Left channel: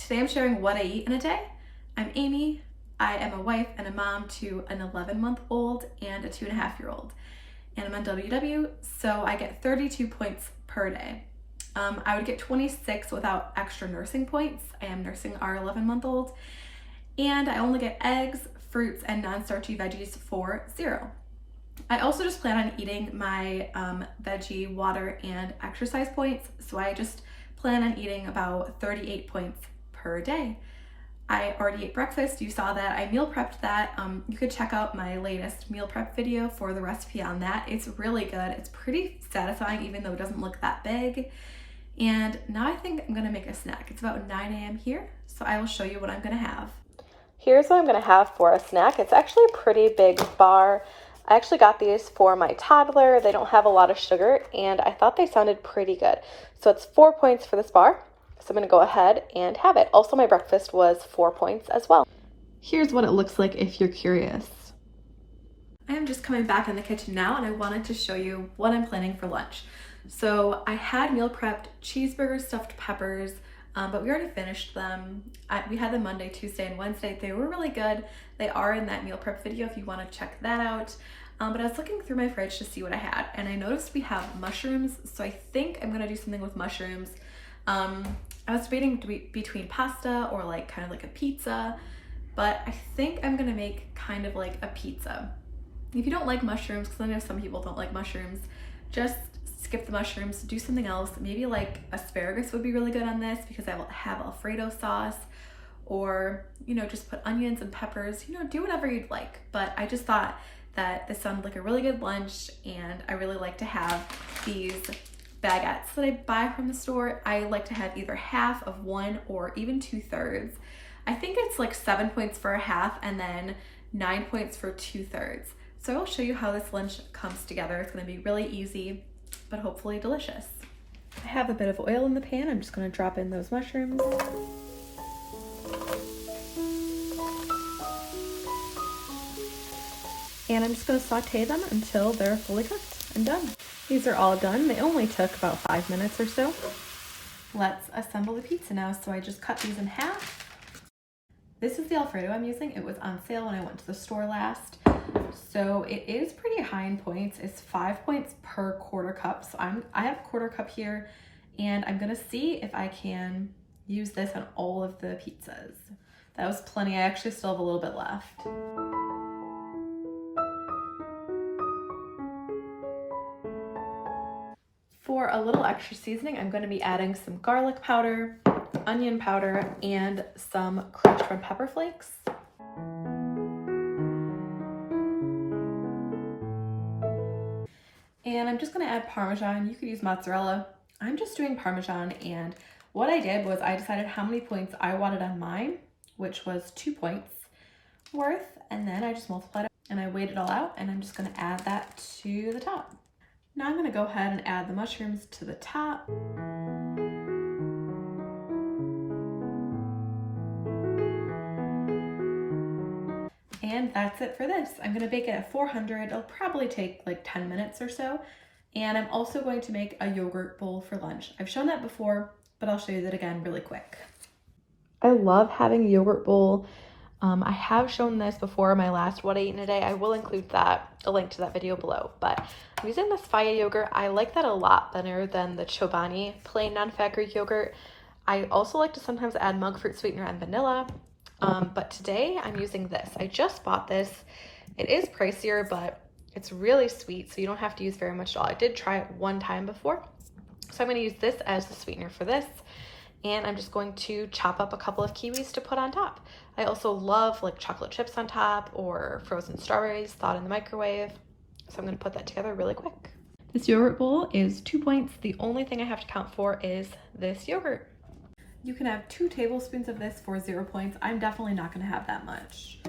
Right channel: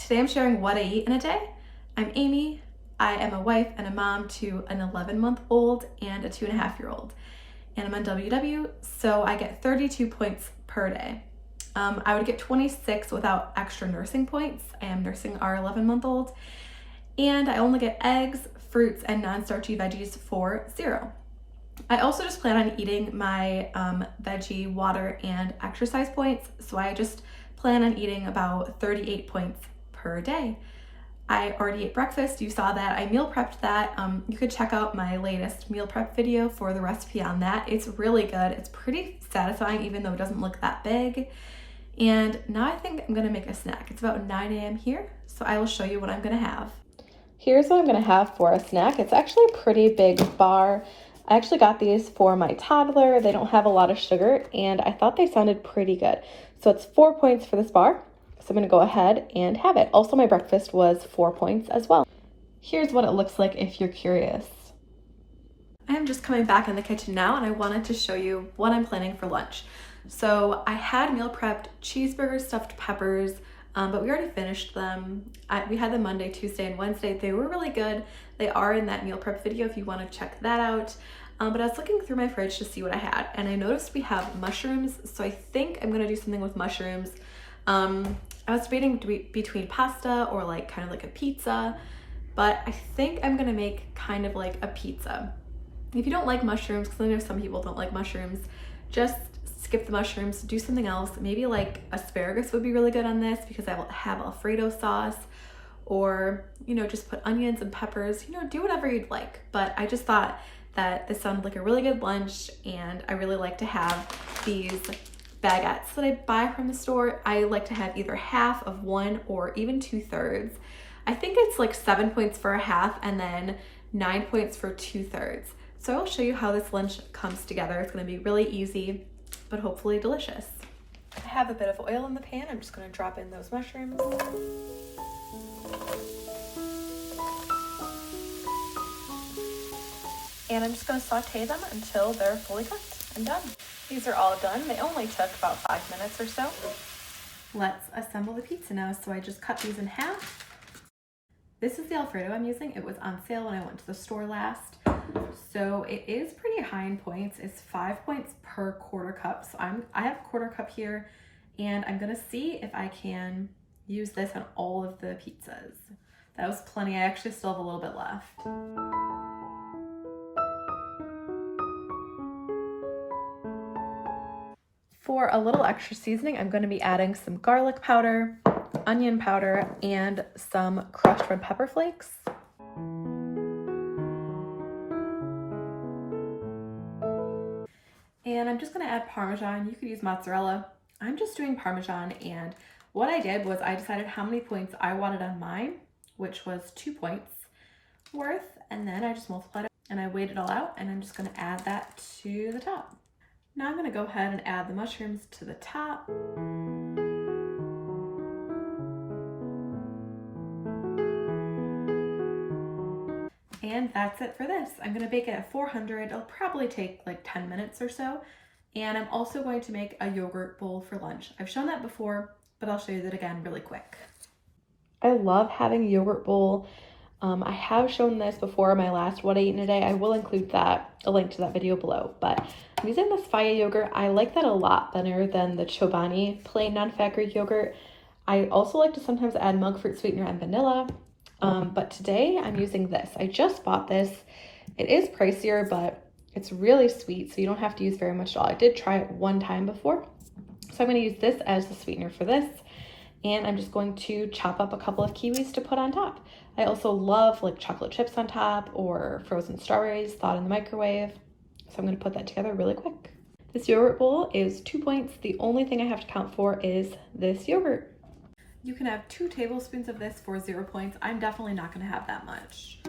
Today I'm sharing what I eat in a day. I'm Amy. I am a wife and a mom to an 11-month-old and a 2.5-year-old. And I'm on WW, so I get 32 points per day. I would get 26 without extra nursing points. I am nursing our 11-month-old. And I only get eggs, fruits, and non-starchy veggies for 0. I also just plan on eating my veggie, water, and exercise points. So I just plan on eating about 38 points per day. I already ate breakfast. You saw that. I meal prepped that. You could check out my latest meal prep video for the recipe on that. It's really good. It's pretty satisfying even though it doesn't look that big. And now I think I'm gonna make a snack. It's about 9 a.m. here, so I will show you what I'm gonna have. Here's what I'm gonna have for a snack. It's actually a pretty big bar. I actually got these for my toddler. They don't have a lot of sugar and I thought they sounded pretty good. So it's 4 points for this bar. So I'm gonna go ahead and have it. Also, my breakfast was 4 points as well. Here's what it looks like if you're curious. I am just coming back in the kitchen now and I wanted to show you what I'm planning for lunch. So I had meal prepped cheeseburgers, stuffed peppers, but we already finished them. We had them Monday, Tuesday, and Wednesday. They were really good. They are in that meal prep video if you want to check that out. But I was looking through my fridge to see what I had, and I noticed we have mushrooms, so I think I'm gonna do something with mushrooms. I was debating between pasta or like kind of like a pizza, but I think I'm gonna make kind of like a pizza. If you don't like mushrooms, because I know some people don't like mushrooms, just skip the mushrooms, do something else. Maybe like asparagus would be really good on this because I will have Alfredo sauce, or, you know, just put onions and peppers, you know, do whatever you'd like. But I just thought that this sounded like a really good lunch, and I really like to have these baguettes that I buy from the store. I like to have either half of one or even 2/3. I think it's like 7 points for a half and then 9 points for 2/3. So I'll show you how this lunch comes together. It's gonna be really easy, but hopefully delicious. I have a bit of oil in the pan. I'm just gonna drop in those mushrooms. And I'm just gonna saute them until they're fully cooked and done. These are all done. They only took about 5 minutes or so. Let's assemble the pizza now. So I just cut these in half. This is the Alfredo I'm using. It was on sale when I went to the store last. So it is pretty high in points. It's 5 points per quarter cup. So I have a quarter cup here, and I'm gonna see if I can use this on all of the pizzas. That was plenty. I actually still have a little bit left. For a little extra seasoning, I'm going to be adding some garlic powder, onion powder, and some crushed red pepper flakes. And I'm just going to add Parmesan. You could use mozzarella. I'm just doing Parmesan, and what I did was I decided how many points I wanted on mine, which was 2 points worth, and then I just multiplied it and I weighed it all out, and I'm just going to add that to the top. Now I'm gonna go ahead and add the mushrooms to the top. And that's it for this. I'm gonna bake it at 400. It'll probably take like 10 minutes or so. And I'm also going to make a yogurt bowl for lunch. I've shown that before, but I'll show you that again really quick. I love having a yogurt bowl. I have shown this before, my last what I eat in a day. I will include a link to that video below, but I'm using this Faya yogurt. I like that a lot better than the Chobani plain non-fat Greek yogurt. I also like to sometimes add monk fruit sweetener and vanilla, but today I'm using this. I just bought this. It is pricier, but it's really sweet, so you don't have to use very much at all. I did try it one time before, so I'm gonna use this as the sweetener for this. And I'm just going to chop up a couple of kiwis to put on top. I also love like chocolate chips on top or frozen strawberries thawed in the microwave. So I'm gonna put that together really quick. This yogurt bowl is 2 points. The only thing I have to count for is this yogurt. You can have 2 tablespoons of this for 0 points. I'm definitely not gonna have that much.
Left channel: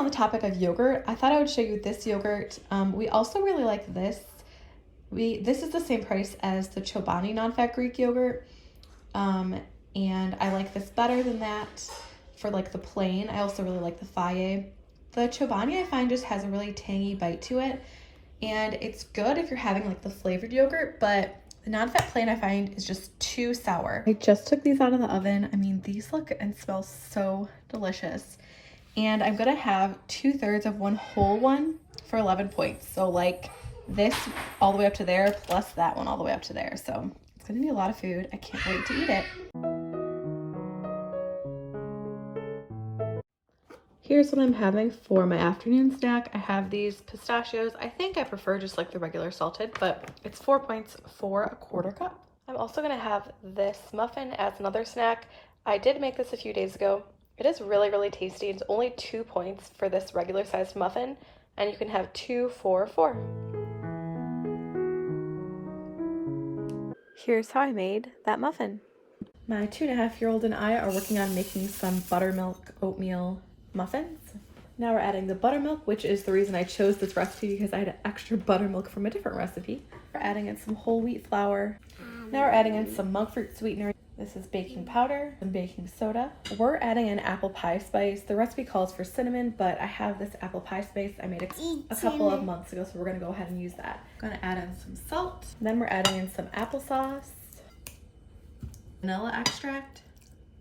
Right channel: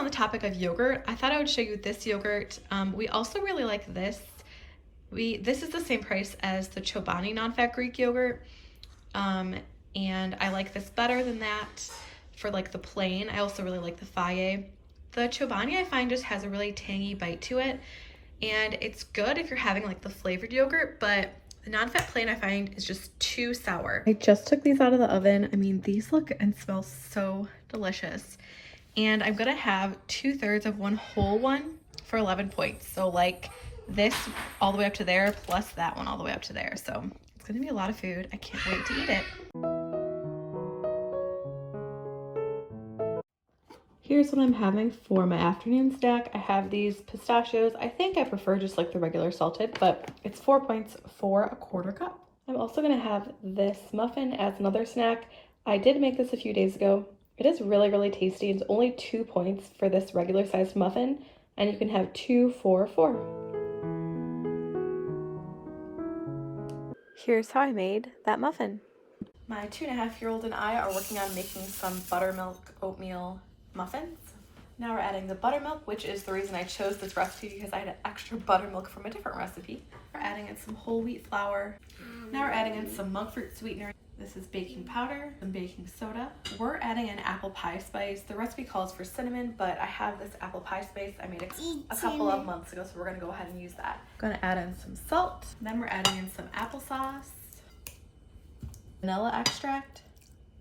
on the topic of yogurt, I thought I would show you this yogurt. We also really like this. This is the same price as the Chobani non-fat Greek yogurt. And I like this better than that for like the plain. I also really like the Faye. The Chobani I find just has a really tangy bite to it, and it's good if you're having like the flavored yogurt, but the non-fat plain I find is just too sour. I just took these out of the oven. I mean, these look and smell so delicious. And I'm gonna have 2/3 of one whole one for 11 points. So like this all the way up to there, plus that one all the way up to there. So it's gonna be a lot of food. I can't wait to eat it. Here's what I'm having for my afternoon snack. I have these pistachios. I think I prefer just like the regular salted, but it's 4 points for a 1/4 cup. I'm also gonna have this muffin as another snack. I did make this a few days ago. It is really, really tasty. It's only 2 points for this regular sized muffin, and you can have 2 for 4. Here's how I made that muffin. My 2.5-year-old and I are working on making some buttermilk oatmeal muffins. Now we're adding the buttermilk, which is the reason I chose this recipe because I had extra buttermilk from a different recipe. We're adding in some whole wheat flour. Now we're adding in some monk fruit sweetener. This is baking powder and baking soda. We're adding in apple pie spice. The recipe calls for cinnamon, but I have this apple pie spice I made a couple of months ago, so we're gonna go ahead and use that. I'm gonna add in some salt. Then we're adding in some applesauce, vanilla extract.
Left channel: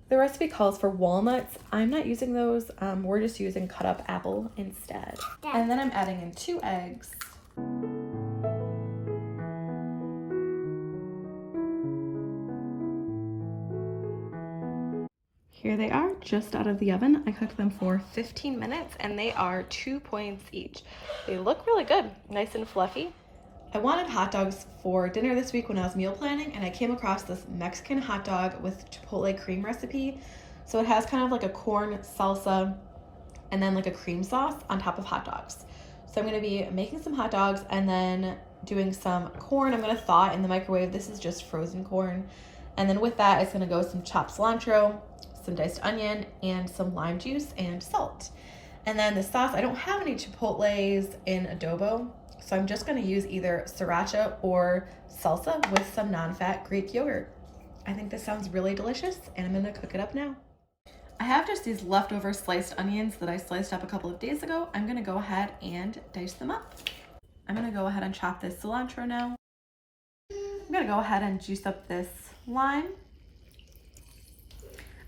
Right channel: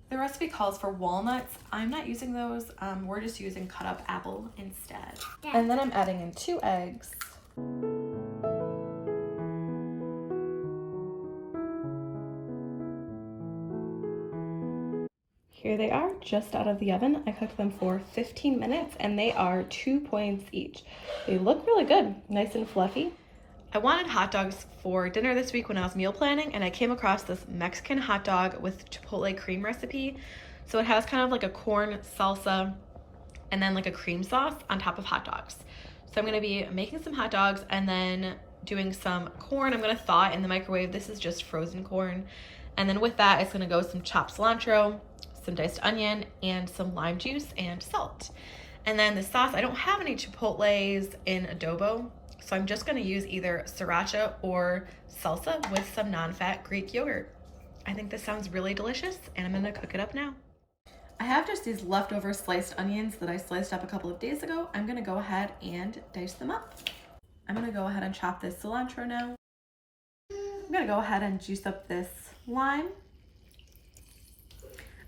The recipe calls for walnuts. I'm not using those. We're just using cut up apple instead. And then I'm adding in 2 eggs. Here they are, just out of the oven. I cooked them for 15 minutes and they are 2 points each. They look really good, nice and fluffy. I wanted hot dogs for dinner this week when I was meal planning, and I came across this Mexican hot dog with Chipotle cream recipe. So it has kind of like a corn salsa and then like a cream sauce on top of hot dogs. So I'm gonna be making some hot dogs and then doing some corn. I'm gonna thaw it in the microwave. This is just frozen corn. And then with that, it's gonna go some chopped cilantro, some diced onion, and some lime juice and salt. And then the sauce, I don't have any Chipotles in adobo, so I'm just gonna use either sriracha or salsa with some non-fat Greek yogurt. I think this sounds really delicious, and I'm gonna cook it up now. I have just these leftover sliced onions that I sliced up a couple of days ago. I'm gonna go ahead and dice them up. I'm gonna go ahead and chop this cilantro now. I'm gonna go ahead and juice up this lime.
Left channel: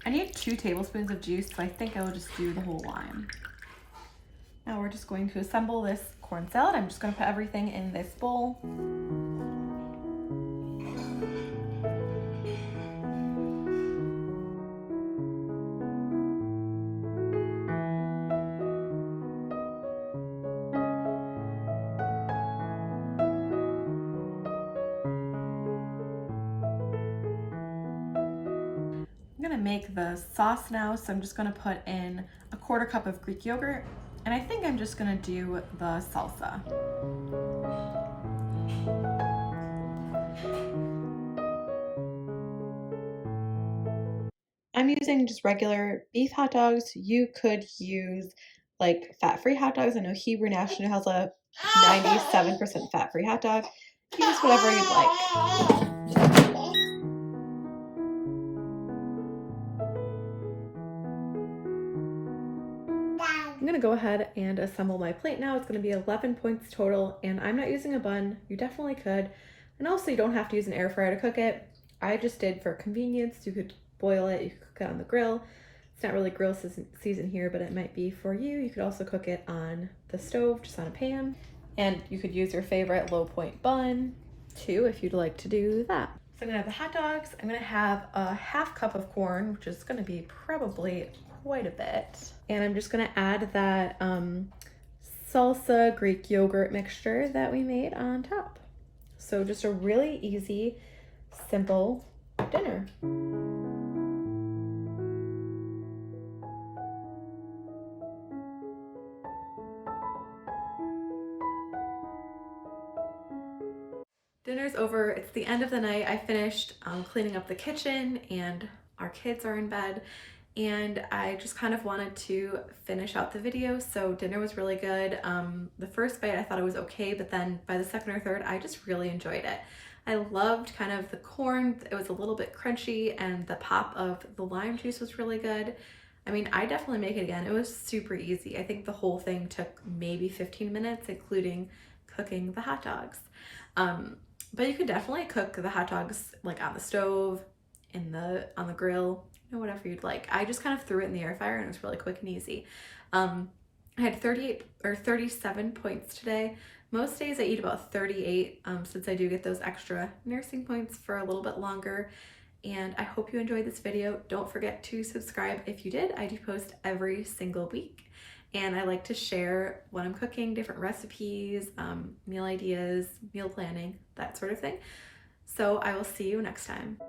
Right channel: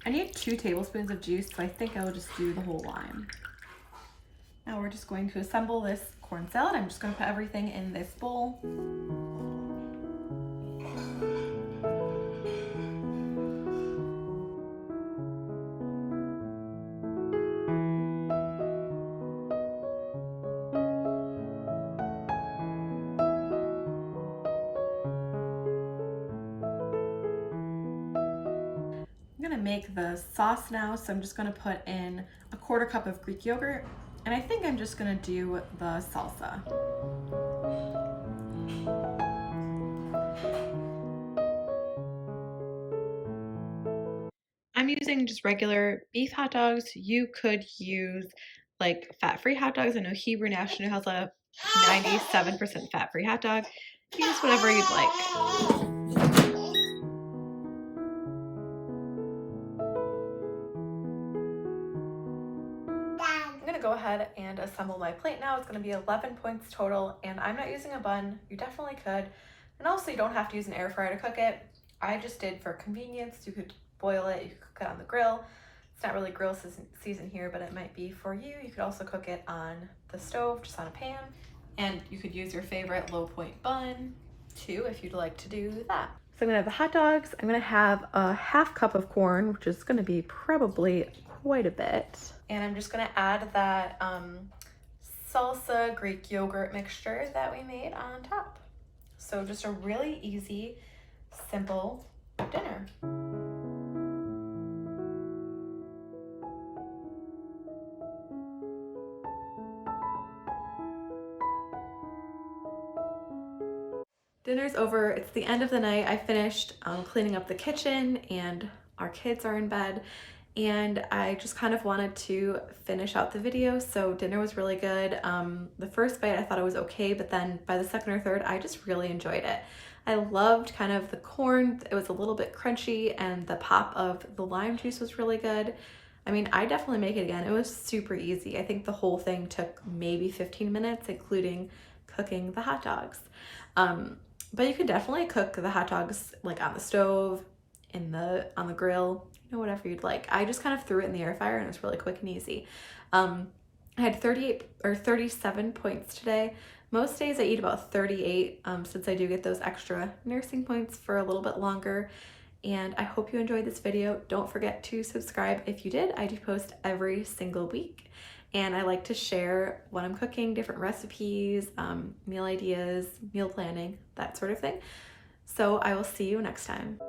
I need 2 tablespoons of juice, so I think I will just do the whole lime. Now we're just going to assemble this corn salad. I'm just gonna put everything in this bowl. I'm gonna make the sauce now, so I'm just gonna put in a 1/4 cup of Greek yogurt, and I think I'm just gonna do the salsa. I'm using just regular beef hot dogs. You could use like fat-free hot dogs. I know Hebrew National has a 97% fat-free hot dog. Use whatever you'd like. I'm gonna go ahead and assemble my plate now. It's gonna be 11 points total, and I'm not using a bun. You definitely could. And also you don't have to use an air fryer to cook it. I just did for convenience. You could boil it, you could cook it on the grill. It's not really grill season here, but it might be for you. You could also cook it on the stove, just on a pan. And you could use your favorite low point bun too, if you'd like to do that. So I'm gonna have the hot dogs. I'm gonna have a 1/2 cup of corn, which is gonna be probably quite a bit. And I'm just gonna add that salsa Greek yogurt mixture that we made on top. So just a really easy, simple dinner. Dinner's over. It's the end of the night. I finished cleaning up the kitchen and our kids are in bed. and I just kind of wanted to finish out the video. So dinner was really good. The first bite I thought it was okay, but then by the second or third, I just really enjoyed it. I loved kind of the corn. It was a little bit crunchy, and the pop of the lime juice was really good. I mean, I definitely make it again. It was super easy. I think the whole thing took maybe 15 minutes, including cooking the hot dogs. But you could definitely cook the hot dogs like on the stove, on the grill, whatever you'd like. I just kind of threw it in the air fryer and it was really quick and easy. I had 38 or 37 points today. Most days I eat about 38 since I do get those extra nursing points for a little bit longer. And I hope you enjoyed this video. Don't forget to subscribe if you did. I do post every single week. And I like to share what I'm cooking, different recipes, meal ideas, meal planning, that sort of thing. So I will see you next time.